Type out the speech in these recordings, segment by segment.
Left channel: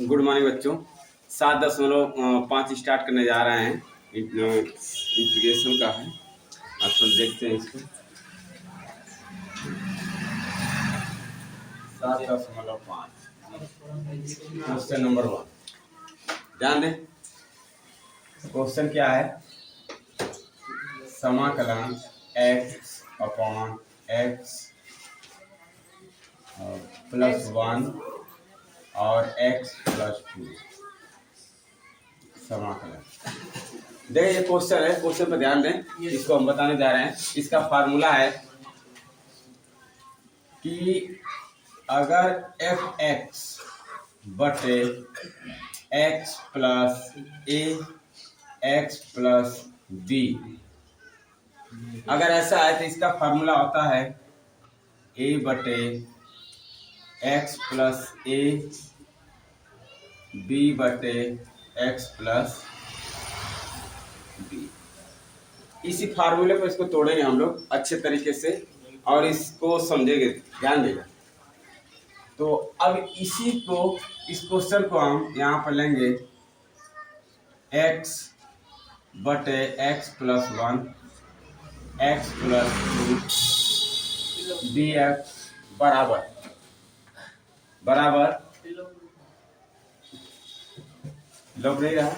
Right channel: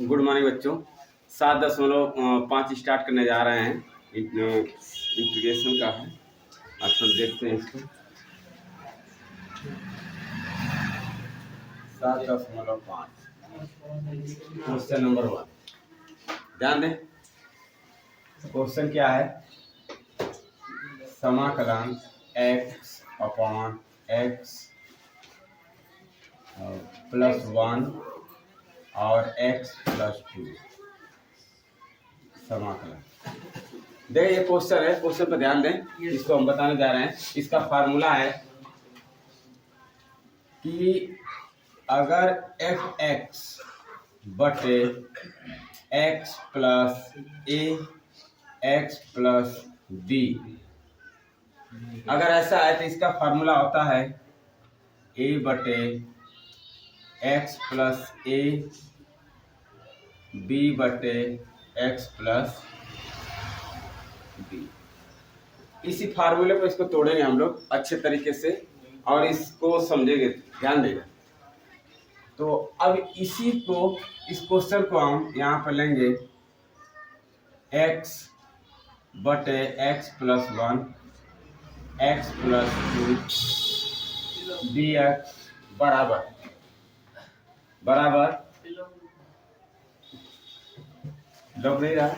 Good morning बच्चों। 7.5 start करने जा रहे हैं। इंटीग्रेशन का है। आप सब देखते हैं इसको। 7.5 क्वेश्चन नंबर 1 ध्यान दें। क्वेश्चन क्या है? समाकलन x अपॉन x +1 और x +2 समाकलन। देखिए ये क्वेश्चन है। क्वेश्चन पर ध्यान दें। इसको हम बताने जा रहे हैं। इसका फार्मूला है कि अगर f(x) बटे x plus a x plus b, अगर ऐसा है तो इसका फार्मूला होता है a बटे x प्लस a b बटे x प्लस b। इसी फार्मूले को इसको तोड़ेंगे हम लोग अच्छे तरीके से और इसको समझेंगे। ध्यान देगा। तो अब इसी को, इस क्वेश्चन को हम यहाँ पर लेंगे x बटे x plus 1 x plus 2 dx बराबर लग नहीं रहा।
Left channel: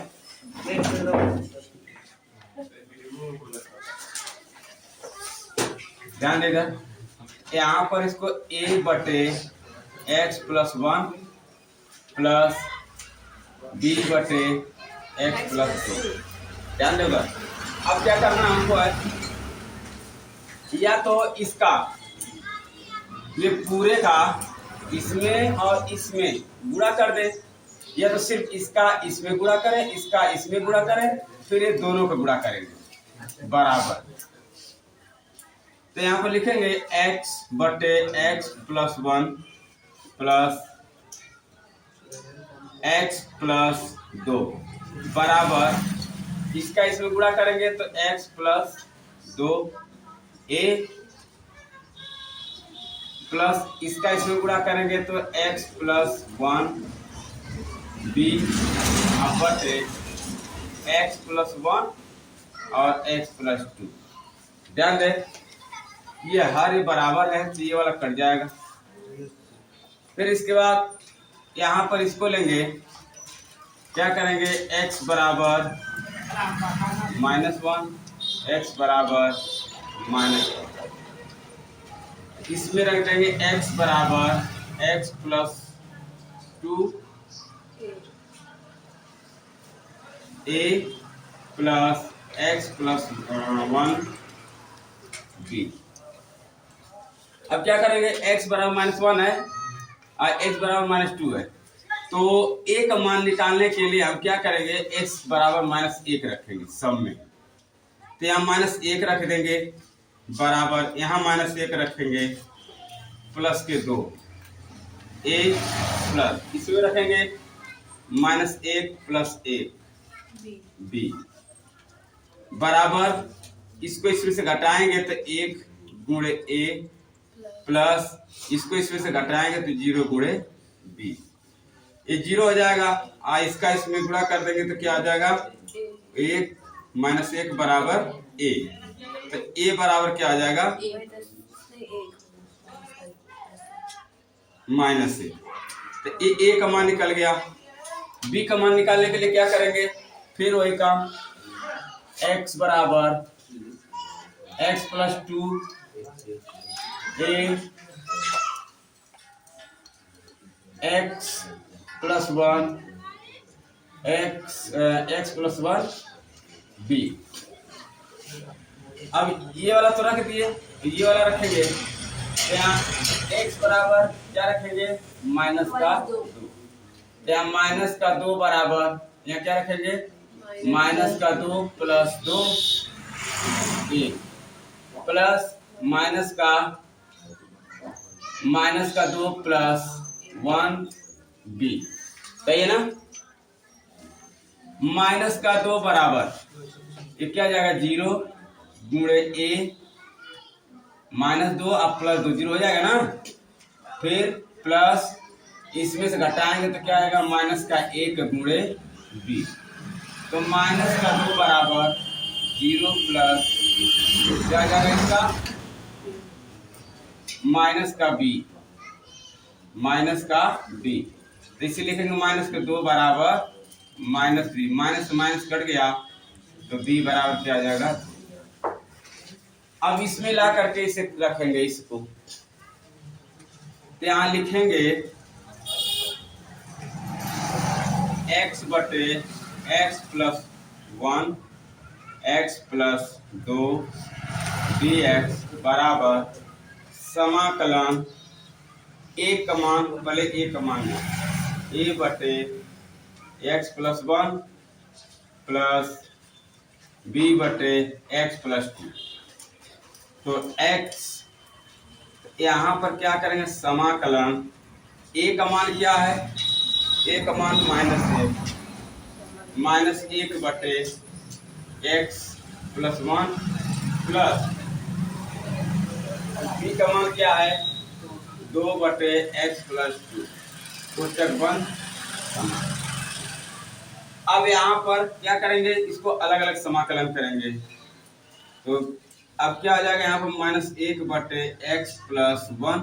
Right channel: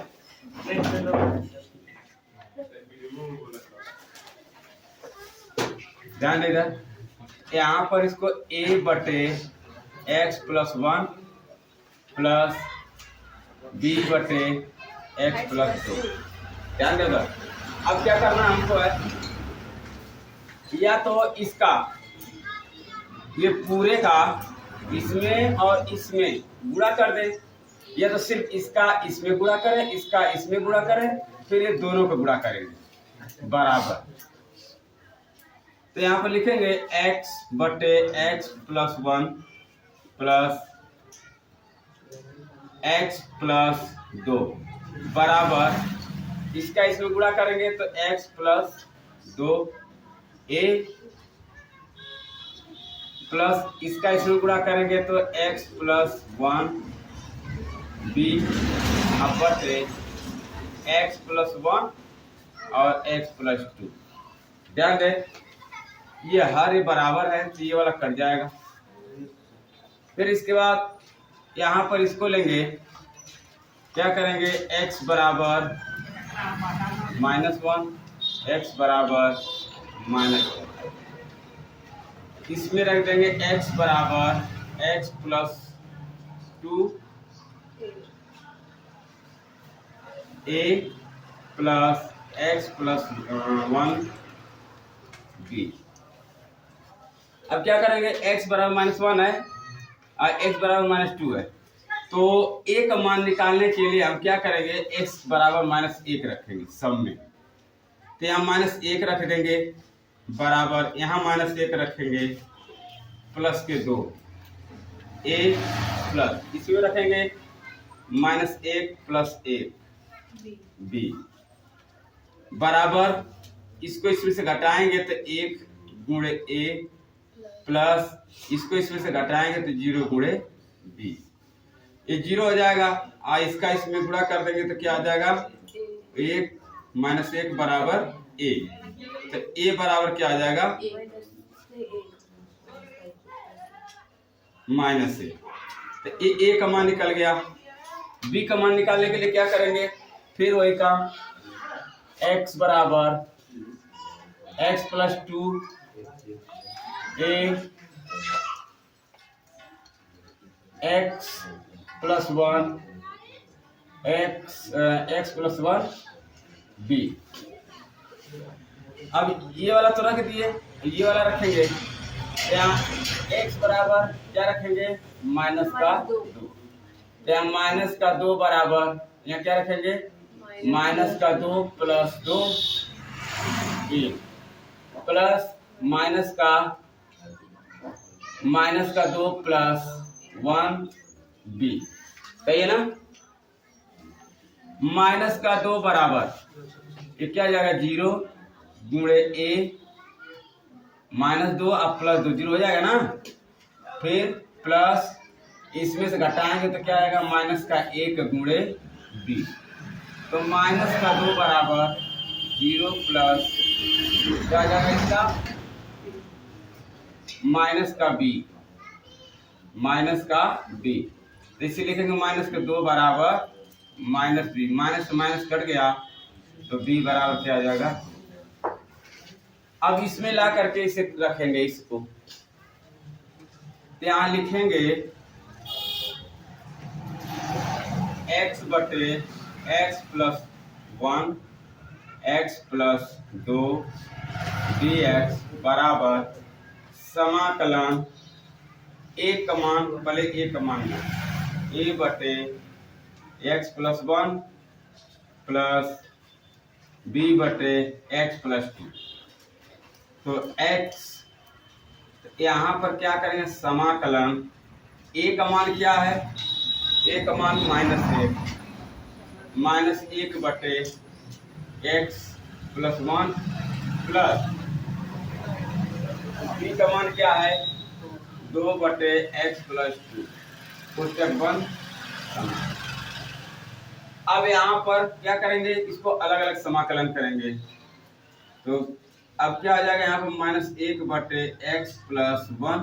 ध्यान देगा। यहाँ पर इसको a बटे x प्लस 1 प्लस b बटे x प्लस 2। ध्यान देगा। अब क्या करना हमको है, या तो इसका ये पूरे का इसमें और इसमें गुणा कर दे, या तो सिर्फ इसका इसमें गुणा करें, इसका इसमें गुणा करें, फिर ये दोनों को गुणा करेंगे बराबर। तो यहाँ पर लिखेंगे x बटे x plus 1 plus x plus 2 बराबर, इसका इसमें गुणा करेंगे तो x प्लस 2 a प्लस इसका इसमें गुणा करेंगे तो x प्लस 1 b बटे x प्लस 1 और x प्लस 2। ध्यान दें, ये हर ये बराबर है तो ये वाला कट जाएगा। फिर इसके बाद यहाँ पर इसको लेंगे, क्या करेंगे, x बराबर -1 x बराबर -1, इसमें रख देंगे x बराबर x plus 2 a plus x plus 1 b। अब क्या करेंगे, x बराबर -1 है और x बराबर -2 है, तो a का मान निकालने के लिए हम क्या करेंगे, x बराबर -1 रखेंगे सब में। तो यहाँ -1 रख देंगे बराबर, यहाँ -1 रखेंगे प्लस के 2 a प्लस इसमें रखेंगे -1 प्लस 1 b बराबर, इसको इसमें से घटाएंगे तो 1 गुणे a प्लस इसको इसमें से घटाएंगे तो 0 गुणे b। ये 0 हो जाएगा और इसका इसमें गुणा कर देंगे तो क्या आ जाएगा, 1 -1 बराबर a। तो a बराबर क्या आ जाएगा, -1। तो a का मान निकल गया। b का मान निकालने के लिए क्या करेंगे, फिर वही काम, x बराबर x plus 2 a x plus 1 x plus 1 b। अब ये वाला तो रख दिए, ये वाला रखेंगे। यहाँ x बराबर क्या रखेंगे, -2। यहाँ -2 बराबर, यहाँ क्या रखेंगे, -2 plus 2 a plus -2 plus 1 b। सही है ना। -2 बराबर ये क्या जाएगा, 0 गुणे a -2 अब +2 0 हो जाएगा ना। फिर प्लस इसमें से घटाएंगे तो क्या आएगा, -1 गुणे b। तो -2 बराबर 0 प्लस क्या आ जाएगा इसका -b, -b। तो इसे लिखेंगे -2 बराबर -b, माइनस से माइनस कट गया तो b बराबर क्या आ जाएगा। अब इसमें ला करके इसे रखेंगे, इसको तो यहाँ लिखेंगे x बटे x plus 1 x plus 2 dx बराबर समाकलन एक का मान पहले a का मान a बटे x प्लस 1 प्लस b बटे x प्लस 2। तो x यहाँ पर क्या करेंगे, समाकलन a का मान क्या है, a का मान -1 बटे x प्लस 1 प्लस b का मान क्या है 2 बटे x प्लस 2, कोष्टक बंद समाकलन। अब यहाँ पर क्या करेंगे, इसको अलग अलग समाकलन करेंगे। तो अब क्या आ जाएगा, यहाँ पर -1 बटे x प्लस 1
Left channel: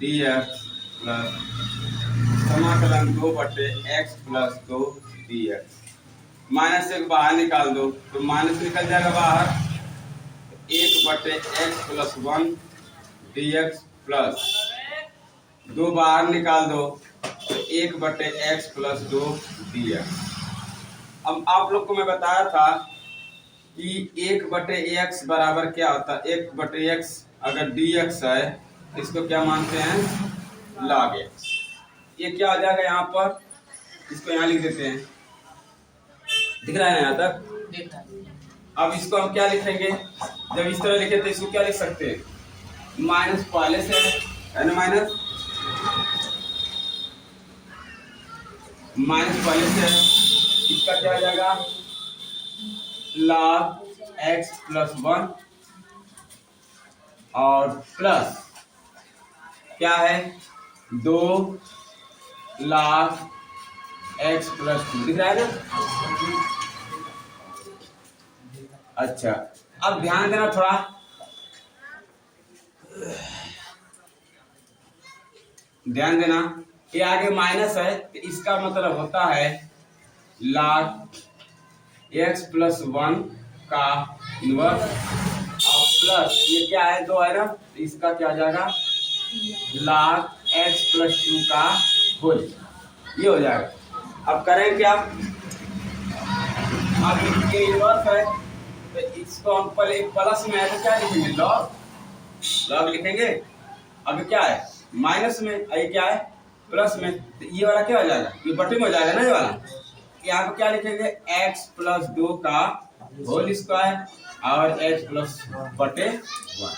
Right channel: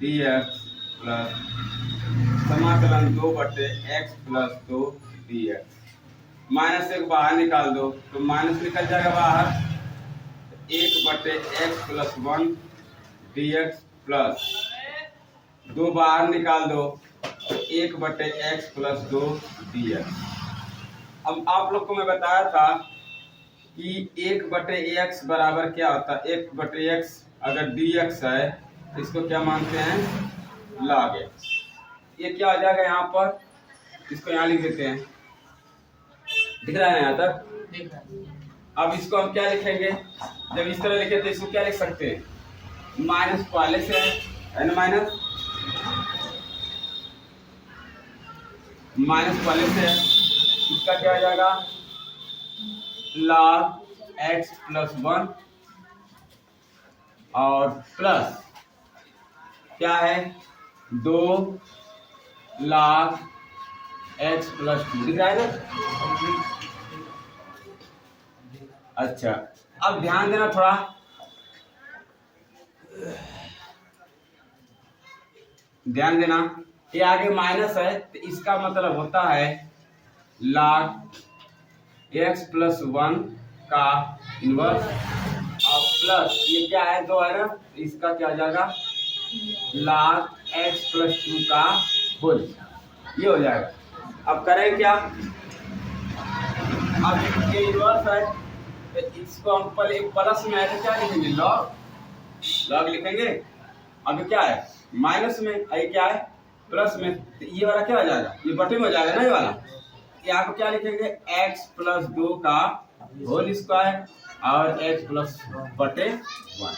dx प्लस समाकलन 2 बटे x प्लस 2 dx। -1 बाहर निकाल दो तो माइनस निकल जाएगा बाहर, 1 बटे x प्लस 1 dx प्लस 2 बाहर निकाल दो तो 1 बटे x प्लस 2 dx। अब आप लोग को मैं बताया था कि 1 बटे x बराबर क्या होता है, 1 बटे x अगर dx है तो इसको क्या मानते हैं, log x। ये क्या आ जाएगा यहाँ पर, इसको यहाँ लिख देते हैं, दिख रहा है ना यहाँ तक, दिख रहा है। अब इसको हम क्या लिखेंगे, जब इस तरह लिखे तो इसको क्या लिख सकते हैं, माइनस पहले से है ना, माइनस पहले से, इसका क्या आ जाएगा log x प्लस 1 और प्लस क्या है 2 log x प्लस 2, दिख रहा है ना। अच्छा अब ध्यान देना थोड़ा, ध्यान देना, ये आगे माइनस है तो इसका मतलब होता है log x प्लस 1 का इनवर्स और प्लस ये क्या है 2 है ना, तो इसका क्या आ जाएगा log x प्लस 2 का होल, ये हो जाएगा। अब करें क्या, अब ये इनवर्स है तो इसको हम पहले प्लस में है तो क्या लिखेंगे, लॉग लिखेंगे। अब क्या है माइनस में, ये क्या है प्लस में, तो ये वाला क्या हो जाएगा, ये बटे में हो जाएगा ना, ये वाला यहाँ पे क्या लिखेंगे x प्लस 2 का होल स्क्वायर और x प्लस बटे 1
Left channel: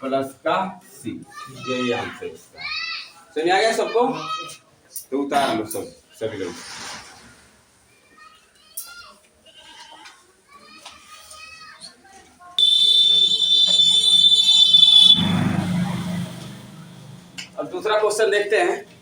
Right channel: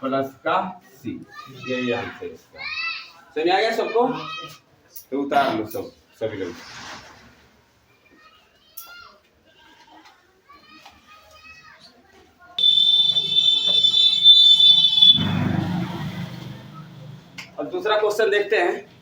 प्लस का c, ये आंसर इसका। समझ आ गया सबको, तो उतार लो सब सभी लोग। अब दूसरा क्वेश्चन देखते हैं।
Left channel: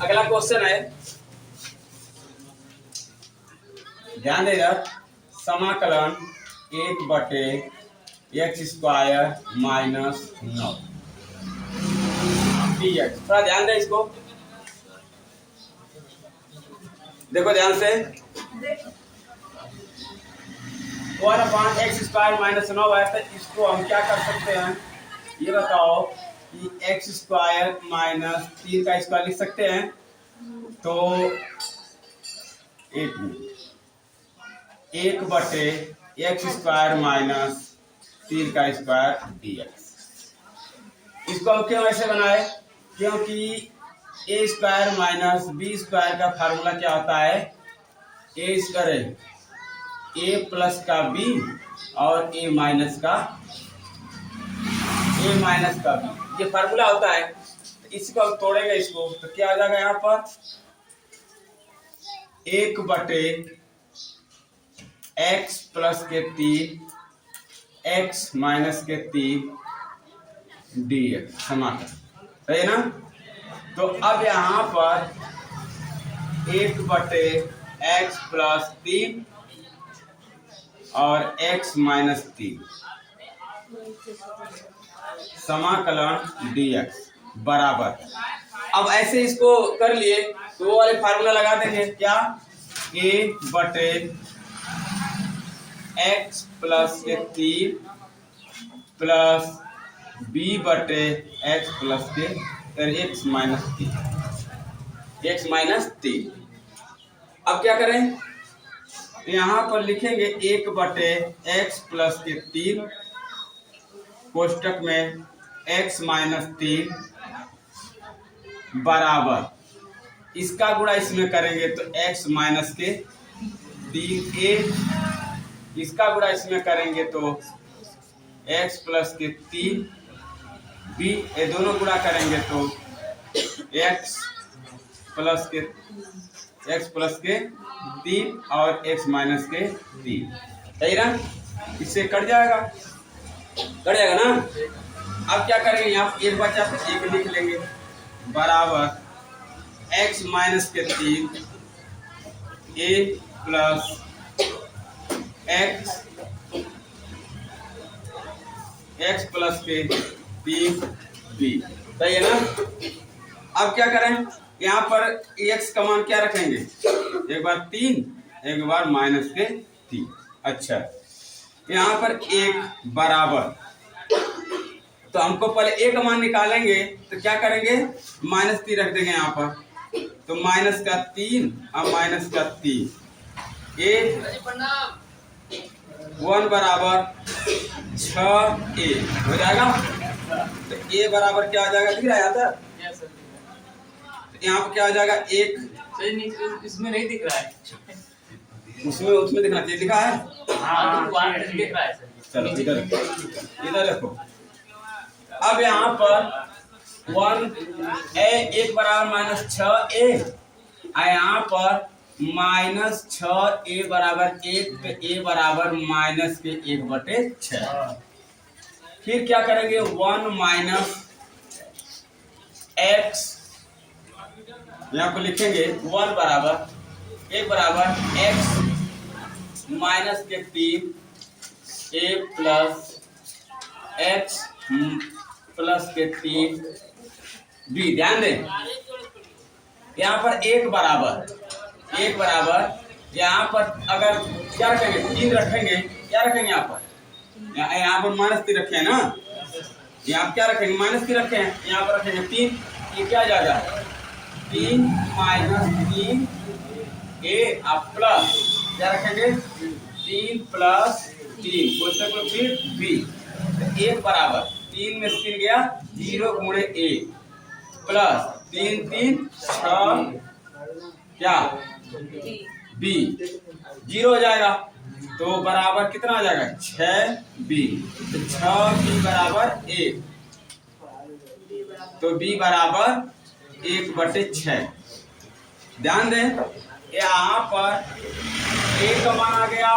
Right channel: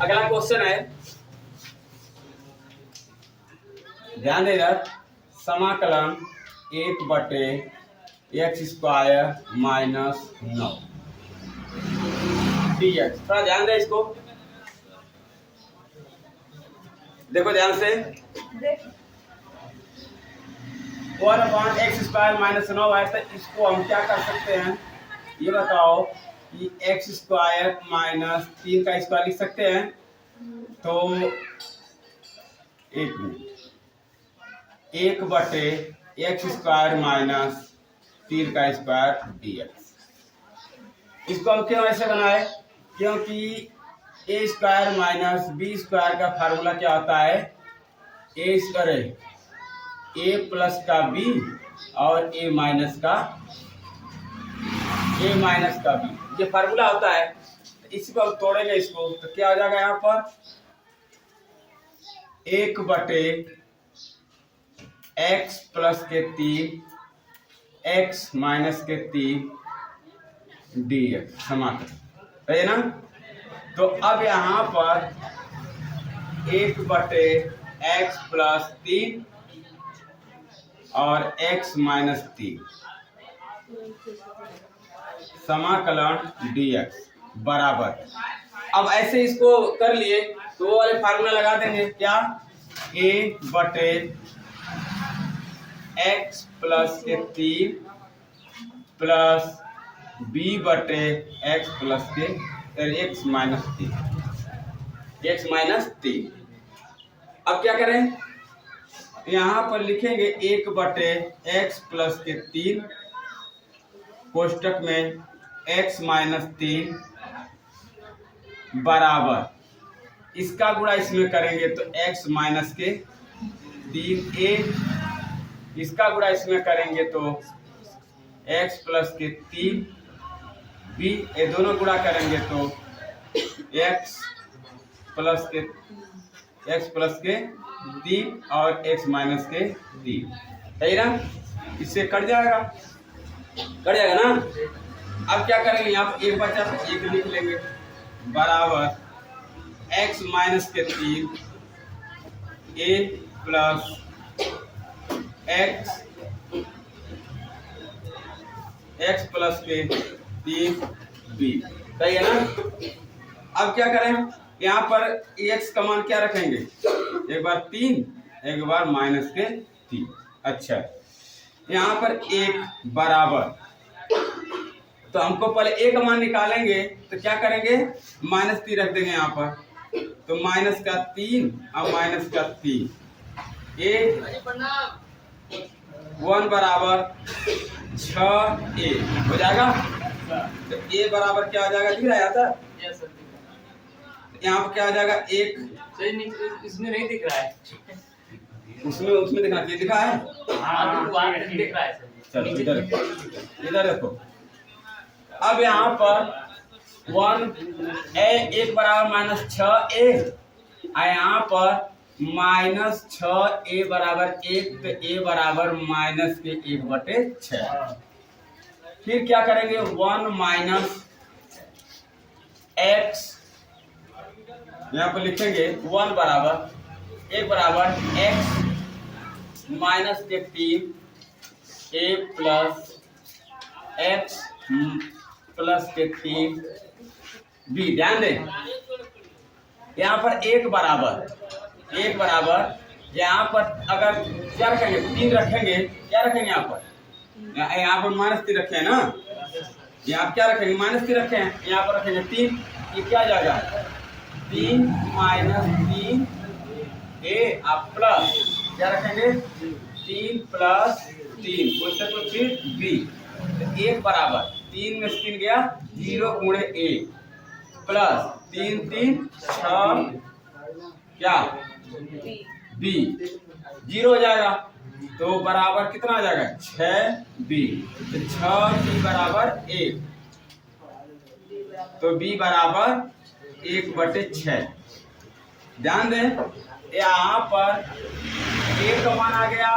अगला क्वेश्चन है, ध्यान देगा, समाकलन 1 बटे x स्क्वायर माइनस 9 dx। थोड़ा ध्यान दे इसको, देखो ध्यान से, 1/x स्क्वायर माइनस 9 है तो इसको हम क्या कर सकते हैं, ये बताओ कि x स्क्वायर माइनस 3 का स्क्वायर लिख सकते हैं। तो 1 बटे x स्क्वायर माइनस 3 का स्क्वायर dx। इसको हम क्यों ऐसे बनाए, क्योंकि ए स्क्वायर माइनस बी स्क्वायर का फार्मूला क्या होता है, ए स्क्वायर ए प्लस का बी और ए माइनस का बी, ये फार्मूला होता है। इसको हम तोड़ेंगे इसको तो क्या हो जाएगा, यहाँ पर 1/(x + 3 x - 3 dx समाकलन, सही है ना। तो अब यहाँ पर 1/(x + 3 और x - 3 समाकलन dx बराबर, अब ऐसे इसको कर लिए तो वो वाले फार्मूला लगा देंगे, क्या, a/(x + 3 प्लस b/(x + x - 3। अब क्या करें, यहाँ पर लिखेंगे 1/(x + 3 कोष्टक में x - 3 बराबर, इसका गुणा इसमें करेंगे तो x - 3a, इसका गुणा इसमें करेंगे तो x + 3b, ये दोनों गुणा करेंगे तो x + 3 और x - 3, सही ना। इससे कट जाएगा ना। अब क्या करेंगे, यहाँ एक बचा तो एक लिख लेंगे बराबर x - 3 a plus x + 3 b, सही है ना। अब क्या करें, यहाँ पर x का मान क्या रखेंगे, एक बार 3 एक बार -3, अच्छा यहाँ पर 1 बराबर, तो हमको पहले a का मान निकालेंगे तो क्या करेंगे, -3 रख देंगे यहाँ पर, तो -3 और -3 a 1 बराबर 6a हो जाएगा। तो a बराबर क्या हो जाएगा, दिख रहा है यहाँ तक, यहाँ पर क्या हो जाएगा 1, इसमें नहीं दिख रहा है, उसमें दिखना चाहिए, दिखा है दिख रहा है सर। चलो इधर देखो। अब यहाँ पर 1 बराबर -6a, और यहाँ पर -6a बराबर 1, तो a बराबर -1/6। फिर क्या करेंगे, 1 - x, यहाँ पर लिखेंगे 1 बराबर x - 3 a plus x + 3 b, ध्यान दें यहाँ पर 1 बराबर यहाँ पर अगर क्या रखेंगे, 3 रखेंगे, क्या रखेंगे यहाँ पर -3 रखे हैं ना, यहाँ क्या रखेंगे, -3 रखे हैं, यहाँ पर रखेंगे 3, ये क्या जाएगा 3 - 3 a, आप प्लस क्या रखेंगे 3 + 3 कोष्टक में फिर b, तो 1 बराबर 3 में से 3 गया 0 × a प्लस 3 3 6 क्या b, 0 हो जाएगा, तो बराबर कितना आ जाएगा 6b, तो 6b बराबर 1, तो b बराबर 1/6। ध्यान दें यहाँ पर a का मान आ गया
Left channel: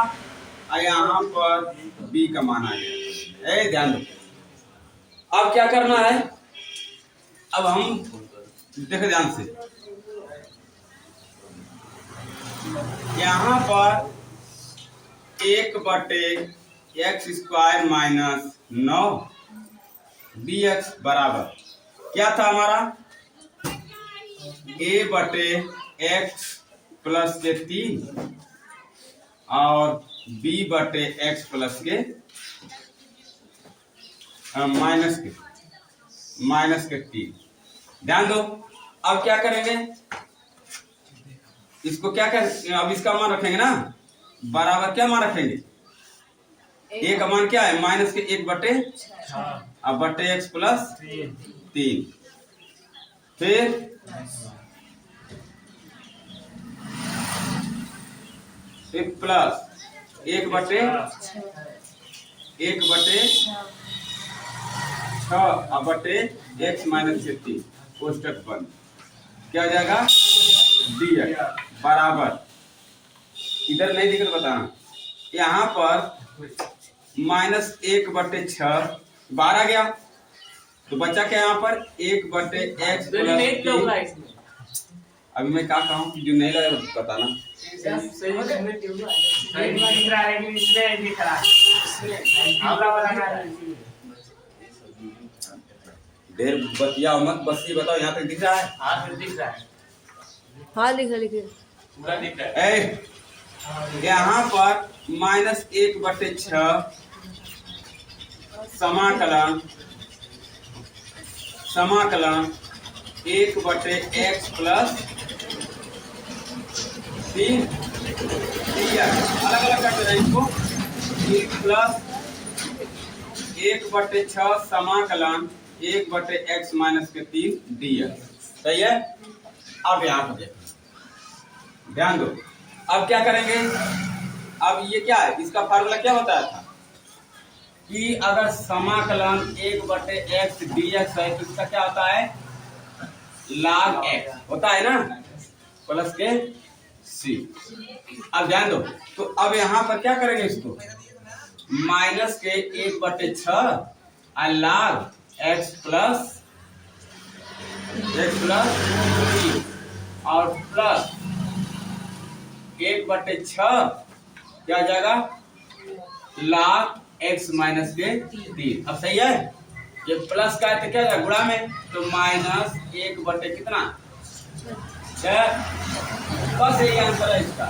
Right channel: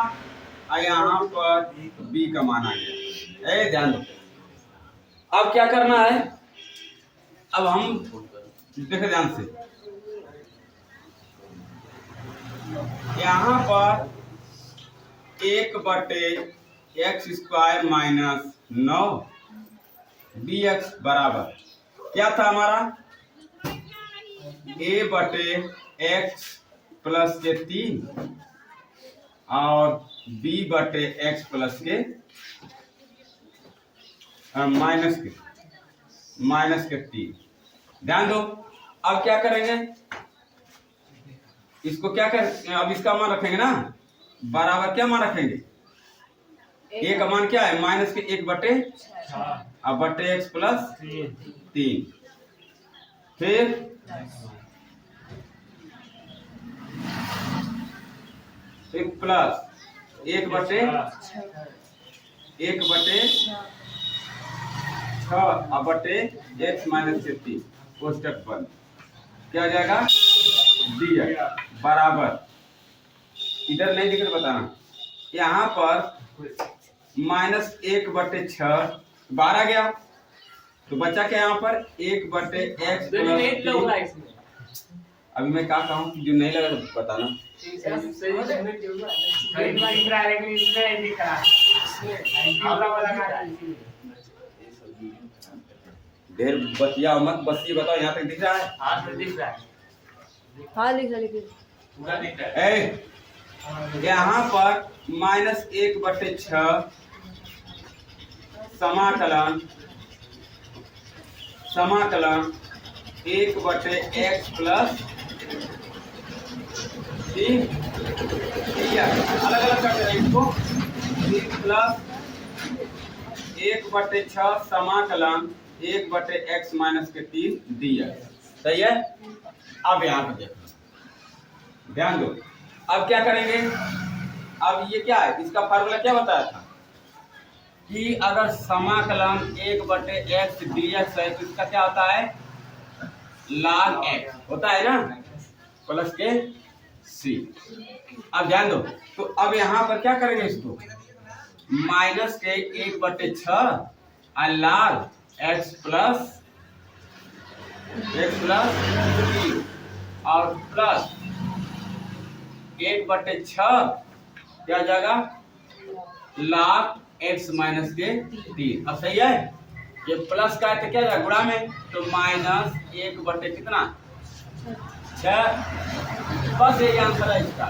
और यहाँ पर b का मान आ गया, ध्यान दो। अब क्या करना है, अब हम देखो ध्यान से, यहाँ पर 1/(x² - 9 dx बराबर क्या था हमारा, a/(x + 3 और b/(x + -3। ध्यान दो। अब क्या करेंगे, इसको क्या कर, अब इसका मान रखेंगे ना, बराबर क्या मान रखेंगे, a का मान क्या है -1/6, अब बटे एक्स प्लस 3, फिर प्लस 1 बटे 6 अब बटे एक्स माइनस 3 कोष्टक बंद। क्या हो जाएगा dx बराबर, इधर नहीं दिक्कत बताना, यहाँ पर माइनस 1 बटे 6 12 आ गया, तो बच्चा क्या यहाँ पर 1 बटे एक्स प्लस 3। अभी मैं क्या कहूँ कि जो नहीं लगा बताना। ढेर बतिया मत, बस ये बताओ यहाँ तक दिख रहा है? हाँ दिख रहा है, हाँ लिखे पूरा दिख रहा है। यहाँ पर माइनस 1 बटे 6 समाकलन 1 बटे एक्स प्लस 3 अलग अलग करते हैं इसको, प्लस 1 बटे 6 समाकलन 1 बटे एक्स माइनस 3 dx। सही है? अब यहाँ पर देखो, ध्यान दो, अब क्या करेंगे? अब ये क्या है, इसका फार्मूला क्या बताया था कि अगर समाकलन 1 बटे एक्स dx है तो इसका क्या होता है, log x होता है ना, प्लस के c। अब ध्यान दो, तो अब यहाँ पर क्या करेंगे, इसको माइनस के 1 बटे 6 और log x प्लस 3 और प्लस 1 बटे 6 क्या हो जाएगा, log x माइनस के 3। अब सही है, ये प्लस का है तो क्या जाएगा गुणा में, तो माइनस 1 बटे कितना 6। बस यही आंसर है इसका,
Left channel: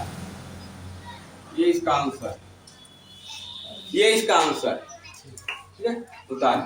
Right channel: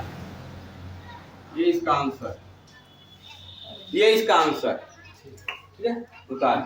ये इसका आंसर, ये इसका आंसर। ठीक है, उतार।